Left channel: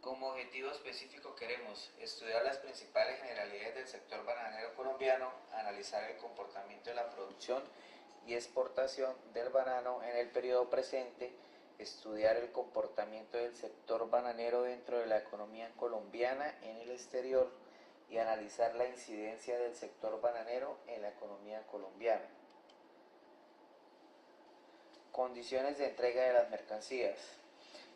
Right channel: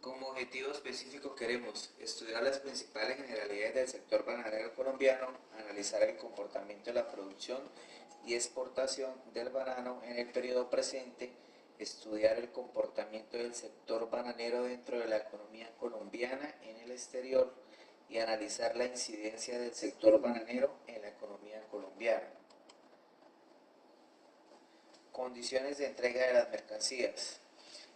Como objetivo específico queremos estudiar las principales generalidades del sector bananero colombiano, analizar el comportamiento de la producción y exportación del banano en el periodo presente, estudiar el comportamiento del sector bananero dentro de la economía colombiana en el exterior y analizar la incidencia del sector bananero en la economía colombiana. Condiciones de entrega de las mercancías.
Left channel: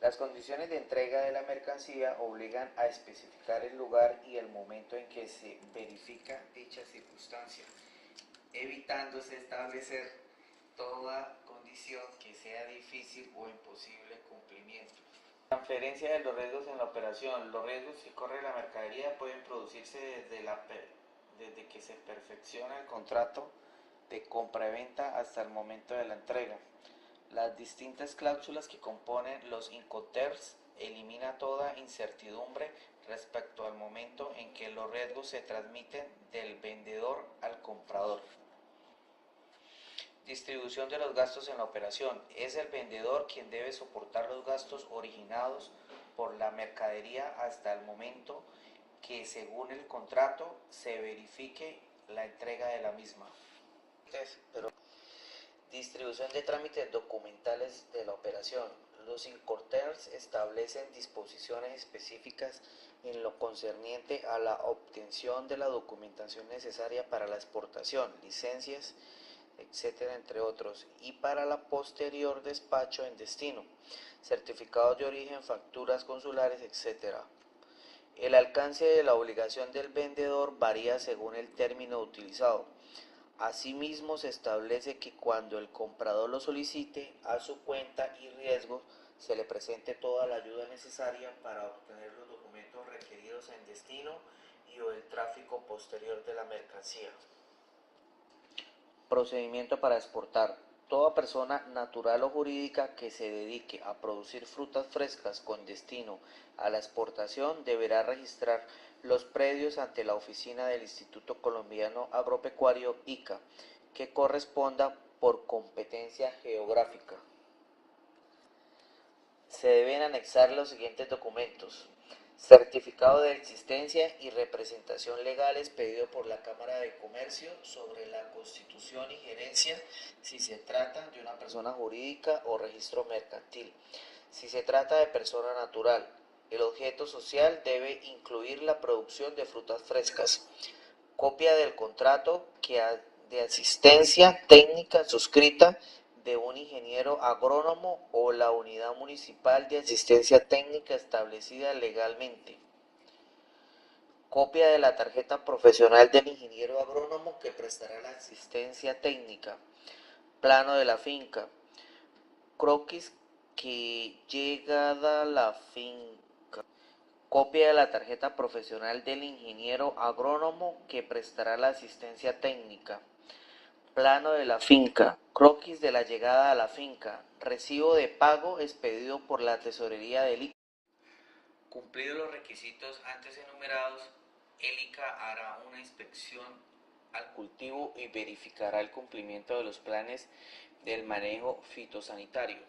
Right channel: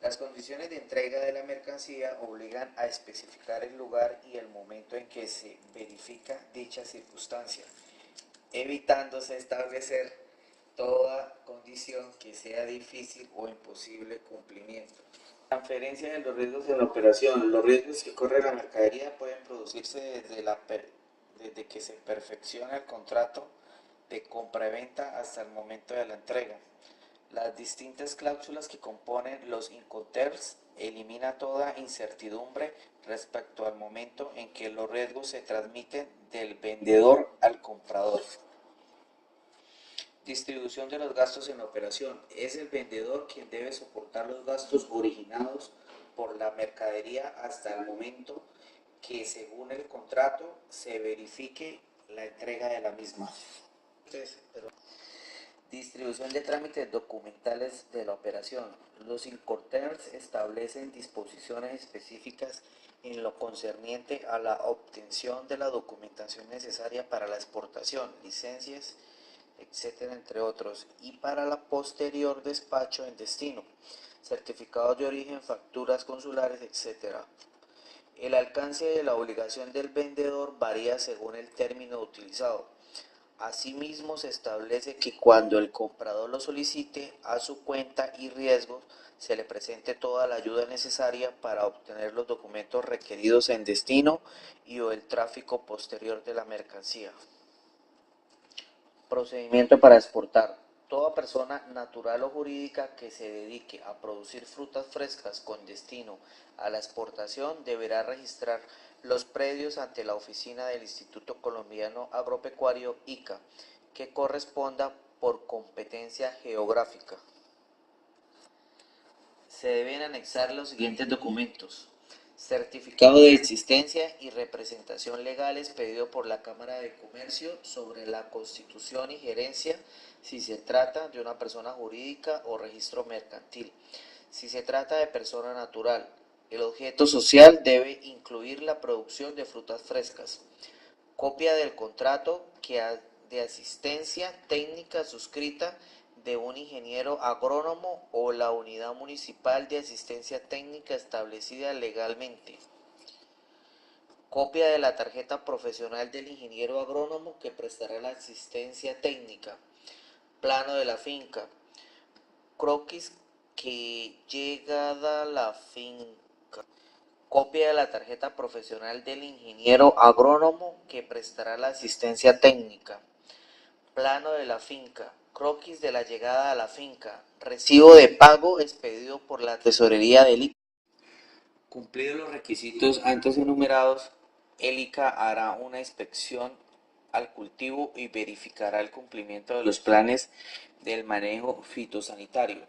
Las condiciones de entrega de la mercancía obligan a especificar el lugar y el momento en que se verifica dicha circunstancia, evitándose establecer toda condición que sea difícil o imposible cumplimiento. Transferencia de los riesgos en la operación. Los riesgos que corre la mercadería pueden producirse desde que se perfecciona el contrato de compra-venta hasta el momento de la entrega. Las distintas cláusulas que componen los Incoterms elimina toda incertidumbre respecto al momento en que los riesgos se transmiten del vendedor al comprador. Distribución de los gastos en la operación. Es el vendedor quien debe soportar los gastos originados por la mercadería hasta el momento que, según el contrato, se verifique la entrega de la misma. Distribución de trámites documentales de la operación. Los Incoterms establecen disposiciones específicas en lo concerniente a la obtención de la documentación necesaria para la exportación, licencias, etcétera, entre otros, y para la posterior despacho en destino, certificados de origen, facturas consulares, etcétera. El alcance de la obligación del vendedor varía según el término utilizado. Asimismo, se establece que cuando el comprador lo solicite, a su cuenta y riesgos se le presente toda la ayuda necesaria para obtener los documentos requeridos en destino y o el tráfico posterior de la mercancía. Procedimiento para exportar. Toda persona natural o jurídica que se dedique a producir frutas frescas con destino a la exportación deberá registrar los predios ante la oficina del Instituto Colombiano Agropecuario ICA, que corresponda por competencia geográfica. Se deben anexar los siguientes documentos: certificado de existencia y representación legal expedido por la Cámara de Comercio sobre la constitución y gerencia si se trata de una persona jurídica o registro mercantil. Si se trata de persona natural, el objeto social debe incluir la producción de frutas frescas. Copia del contrato de asistencia técnica suscrita de un ingeniero agrónomo o la unidad municipal de asistencia técnica establecida legalmente. Copia de la tarjeta profesional del ingeniero agrónomo que prestará la asistencia técnica. Plano de la finca. Croquis que llegada la finca. Copia de la tarjeta profesional del ingeniero agrónomo que prestará la asistencia técnica. Plano de la finca, croquis de la llegada a la finca, recibo de pago expedido por la tesorería del ICA. Cumplidos los requisitos antes enumerados, el ICA hará una inspección al cultivo y verificará el cumplimiento de los planes del manejo fitosanitario,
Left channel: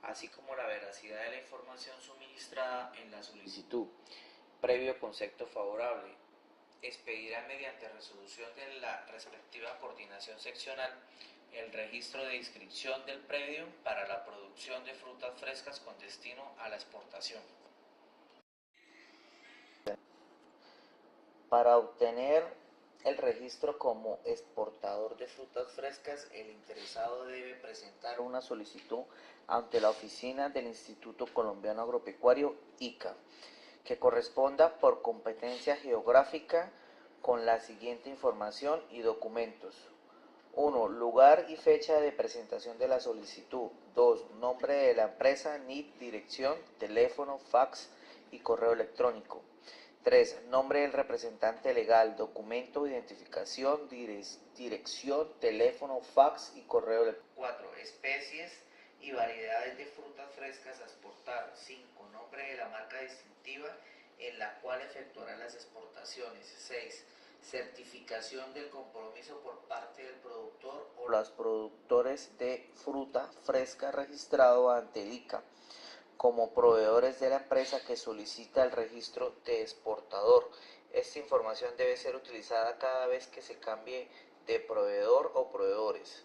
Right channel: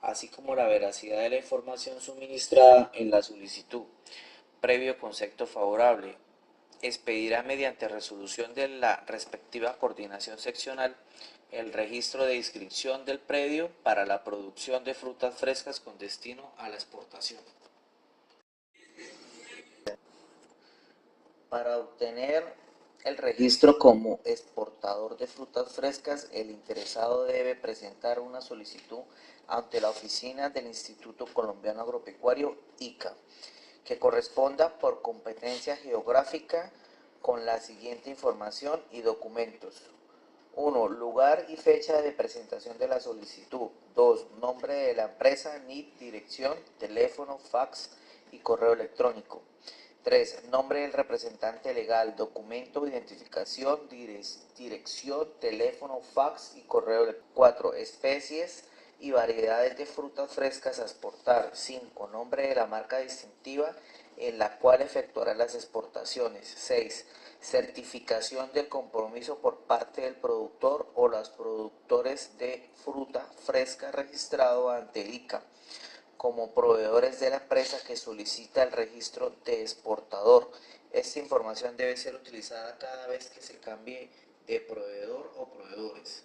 así como la veracidad de la información suministrada en la solicitud. Previo concepto favorable, expedirá mediante resolución de la respectiva coordinación seccional el registro de inscripción del predio para la producción de frutas frescas con destino a la exportación. Para obtener el registro como exportador de frutas frescas, el interesado debe presentar una solicitud ante la oficina del Instituto Colombiano Agropecuario ICA, que corresponda por competencia geográfica con la siguiente información y documentos. 1. Lugar y fecha de presentación de la solicitud. 2. Nombre de la empresa, NIP, dirección, teléfono, fax y correo electrónico. 3. Nombre del representante legal, documento, identificación, dirección, teléfono, fax y correo electrónico. 4. Especies y variedades de frutas frescas a exportar. 5. Nombre de la marca distintiva en la cual efectuará las exportaciones. 6. Certificación del compromiso por parte del productor o los productores de fruta fresca registrado ante el ICA, como proveedores de la empresa que solicita el registro de exportador. Esta información debe ser utilizada cada vez que se cambie de proveedor o proveedores.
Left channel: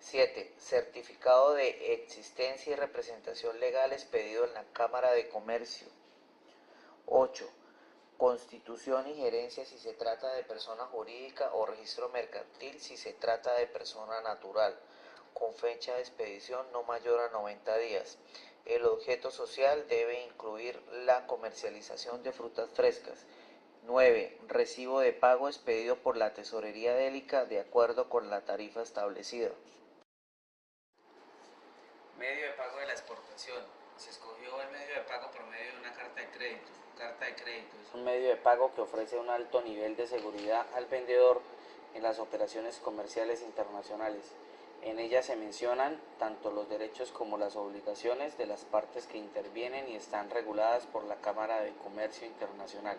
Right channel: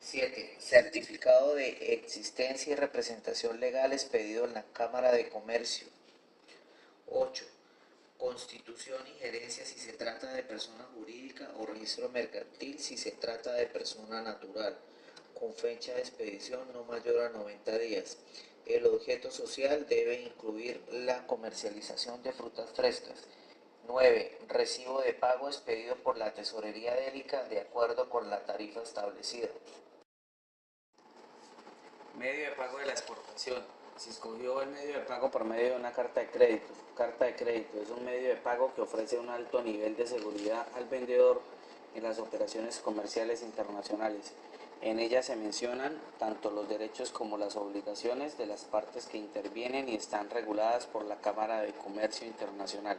7. Certificado de existencia y representación legal expedido en la Cámara de Comercio. 8. Constitución y gerencia si se trata de persona jurídica o registro mercantil si se trata de persona natural, con fecha de expedición no mayor a 90 días. El objeto social debe incluir la comercialización de frutas frescas. 9. Recibo de pago expedido por la Tesorería Délica de acuerdo con la tarifa establecida. Medio de pago de la exportación. Se escogió el medio de pago por medio de una carta de crédito. Carta de crédito es un medio de pago que ofrece un alto nivel de seguridad al vendedor en las operaciones comerciales internacionales. En ella se mencionan tanto los derechos como las obligaciones de las partes que intervienen y están reguladas por la Cámara de Comercio Internacional.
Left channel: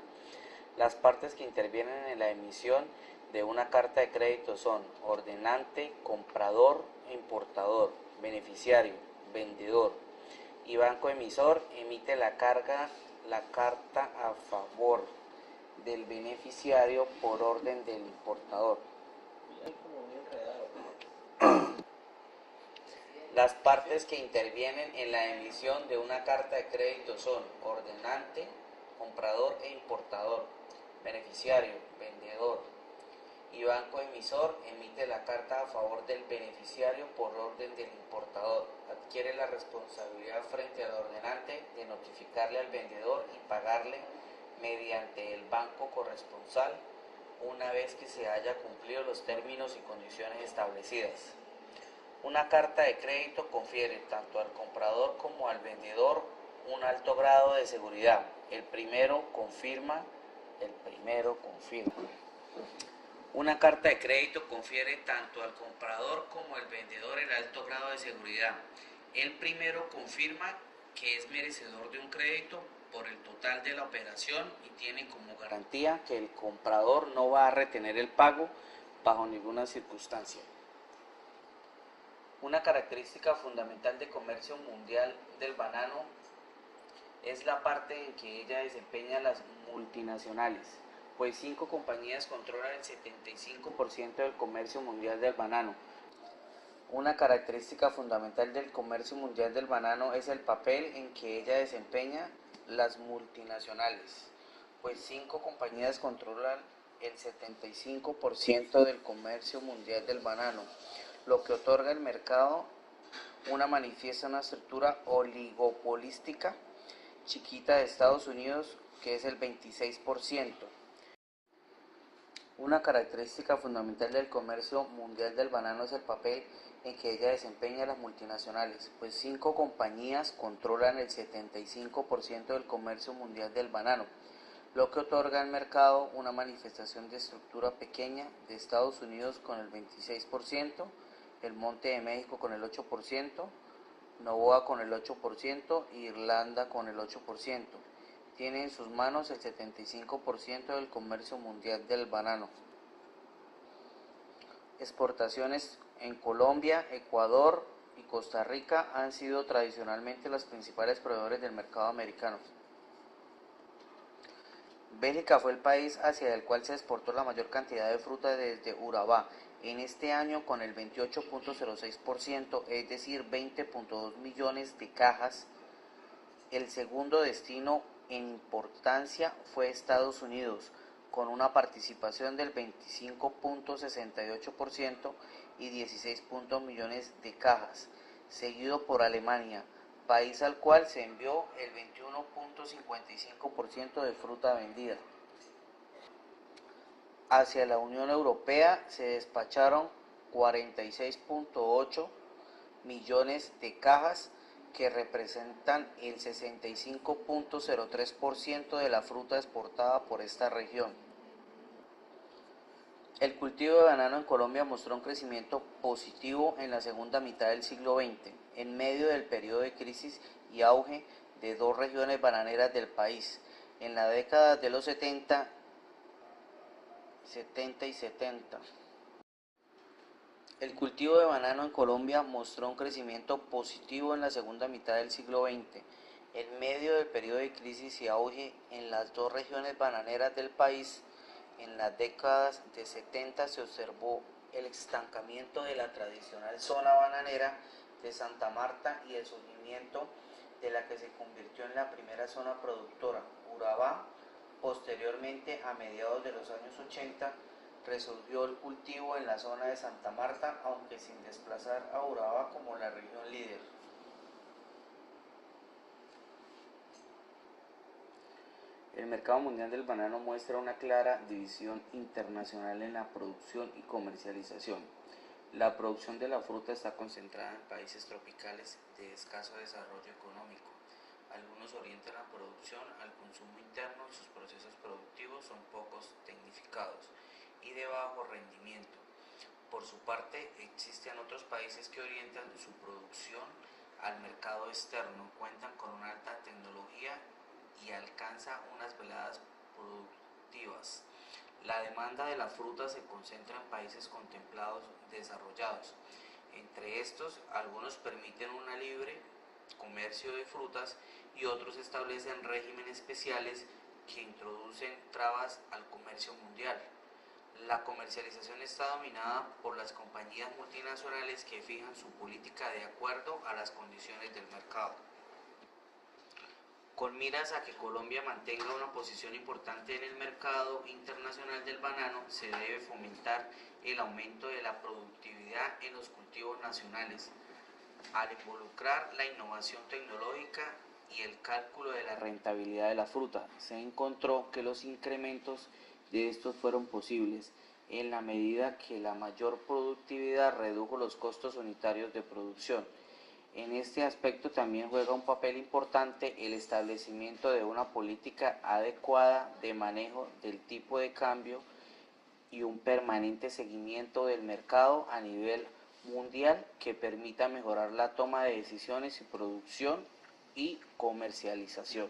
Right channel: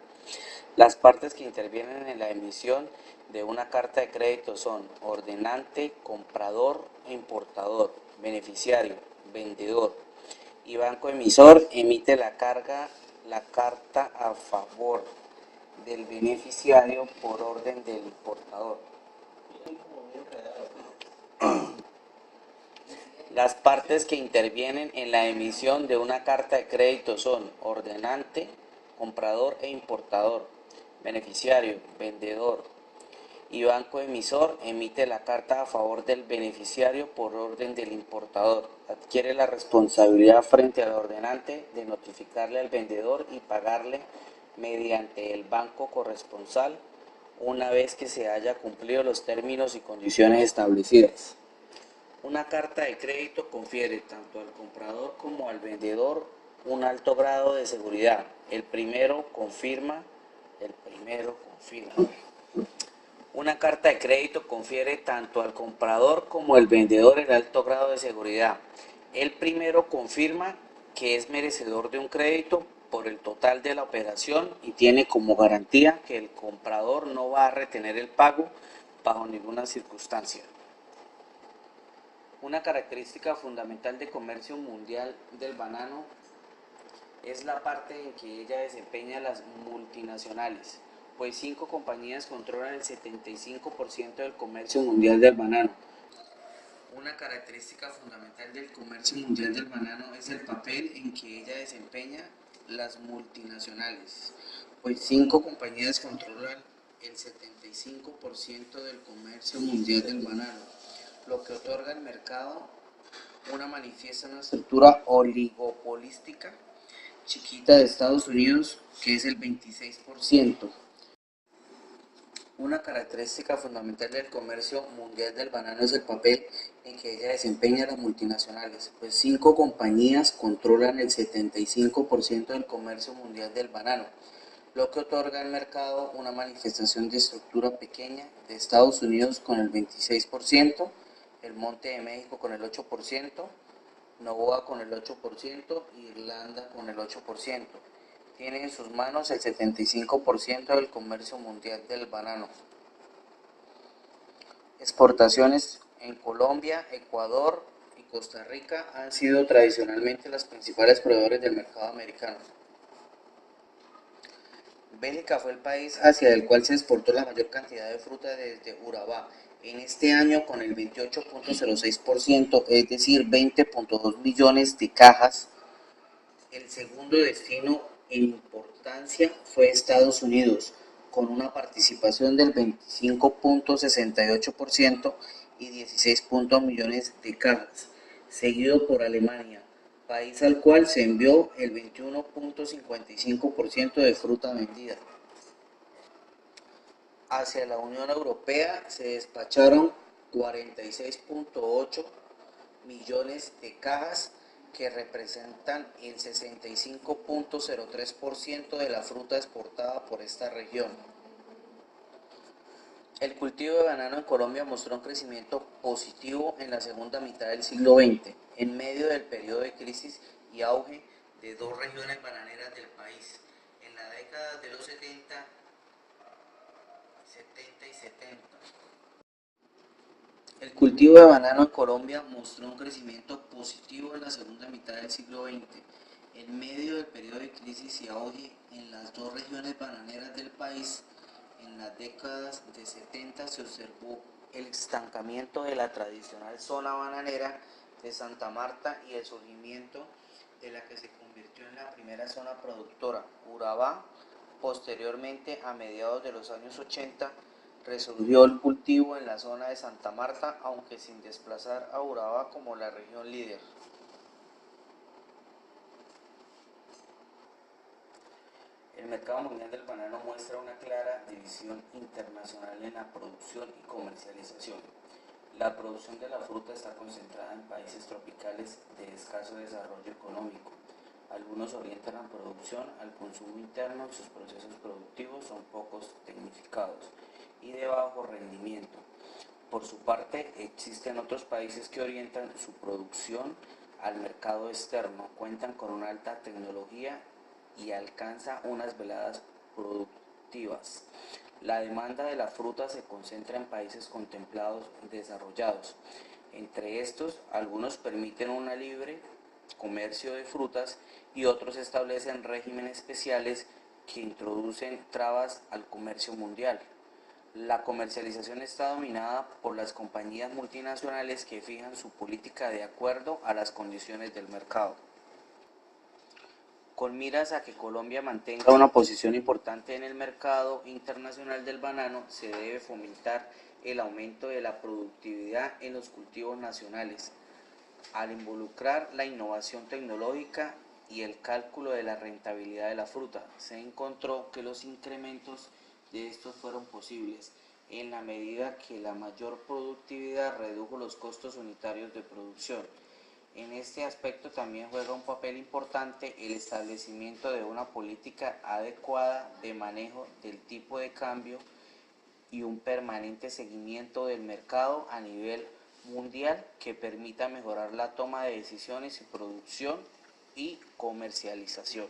Las partes que intervienen en la emisión de una carta de crédito son ordenante, comprador e importador, beneficiario, vendedor, y banco emisor emite la carta a favor del beneficiario por orden del importador. Las partes que intervienen en la emisión de una carta de crédito son ordenante, comprador e importador, beneficiario, vendedor, y banco emisor emite la carta a favor del beneficiario por orden del importador. Adquiere la responsabilidad frente al ordenante de notificarle al vendedor y pagarle mediante el banco corresponsal una vez que se haya cumplido los términos y condiciones establecidas. Una carta de crédito confiere tanto al comprador como al vendedor un alto grado de seguridad. El primero confirma. Una carta de crédito confiere tanto al comprador como al vendedor el alto grado de seguridad. El primero confirma que es merecedor de un crédito por el total de la operación y tiene como garantía que el comprador no va a retener el pago bajo ninguna circunstancia. Una característica fundamental del comercio mundial del banano es la parte en que ella desempeña las multinacionales, pues 5 compañías controlan el 75% del comercio mundial del banano. Una característica fundamental del comercio mundial del banano es el papel en que ella desempeña las multinacionales, pues 5 compañías controlan el 75% del comercio mundial del banano, lo que otorga al mercado una estructura oligopolística chiquita de Estados Unidos, que es el 26%. Una característica fundamental del comercio mundial del banano es el papel en que ella desempeña las multinacionales, pues 5 compañías controlan el 75% del comercio mundial del banano, lo que otorga al mercado una manifestación de estructura pequeña de Estados Unidos con el 26%, el Monte de México con el 8%, Novoa con el 8% y Irlanda con el 8%. Tiene en sus manos el 75% del comercio mundial del banano. Exportaciones en Colombia, Ecuador y Costa Rica han sido tradicionalmente los principales proveedores del mercado americano. Bélgica fue el país hacia el cual se exportó la mayor cantidad de fruta desde Urabá, en este año con el 28.06%, es decir, 20.2 millones de cajas. El segundo destino en importancia fue Estados Unidos, con una participación del 25.68% y 16 millones de cajas, seguido por Alemania, país al cual se envió el 21.55% de fruta vendida. Hacia la Unión Europea se despacharon 46.8 millones de cajas que representan el 65.03% de la fruta exportada por esta región. El cultivo de banano en Colombia mostró un crecimiento positivo en la segunda mitad del siglo XX, en medio del periodo de crisis y auge de 2 regiones bananeras del país. En la década de los 70 y 70. El cultivo de banano en Colombia mostró un crecimiento positivo en la segunda mitad del siglo XX, En medio del periodo de crisis y auge en las dos regiones bananeras del país, en las décadas de 70 se observó el estancamiento de la tradicional zona bananera de Santa Marta y el surgimiento de la que se convirtió en la primera zona productora, Urabá. Posteriormente, a mediados de los años 80, resurgió el cultivo en la zona de Santa Marta, aunque sin desplazar a Urabá como la región líder. El mercado mundial del banano muestra una clara división internacional en la producción y comercialización. La producción de la fruta está concentrada en países tropicales de escaso desarrollo económico. Algunos orientan la producción al consumo interno y sus procesos productivos son pocos tecnificados y de bajo rendimiento. Por su parte, existen otros países que orientan su producción al mercado externo, cuentan con una alta tecnología y alcanza unas veladas productivas. La demanda de la fruta se concentra en países contemplados desarrollados. Entre estos, algunos permiten un libre comercio de frutas y otros establecen regímenes especiales que introducen trabas al comercio mundial. La comercialización está dominada por las compañías multinacionales que fijan su política de acuerdo a las condiciones del mercado. Con miras a que Colombia mantenga una posición importante en el mercado internacional del banano, se debe fomentar el aumento de la productividad en los cultivos nacionales, al involucrar la innovación tecnológica y el cálculo de la rentabilidad de la fruta. Se encontró que los incrementos de estos fueron posibles en la medida que la mayor productividad redujo los costos unitarios de producción. En este aspecto también juega un papel importante el establecimiento de una política adecuada de manejo del tipo de cambio y un permanente seguimiento del mercado a nivel mundial que permita mejorar la toma de decisiones y producción y comercialización.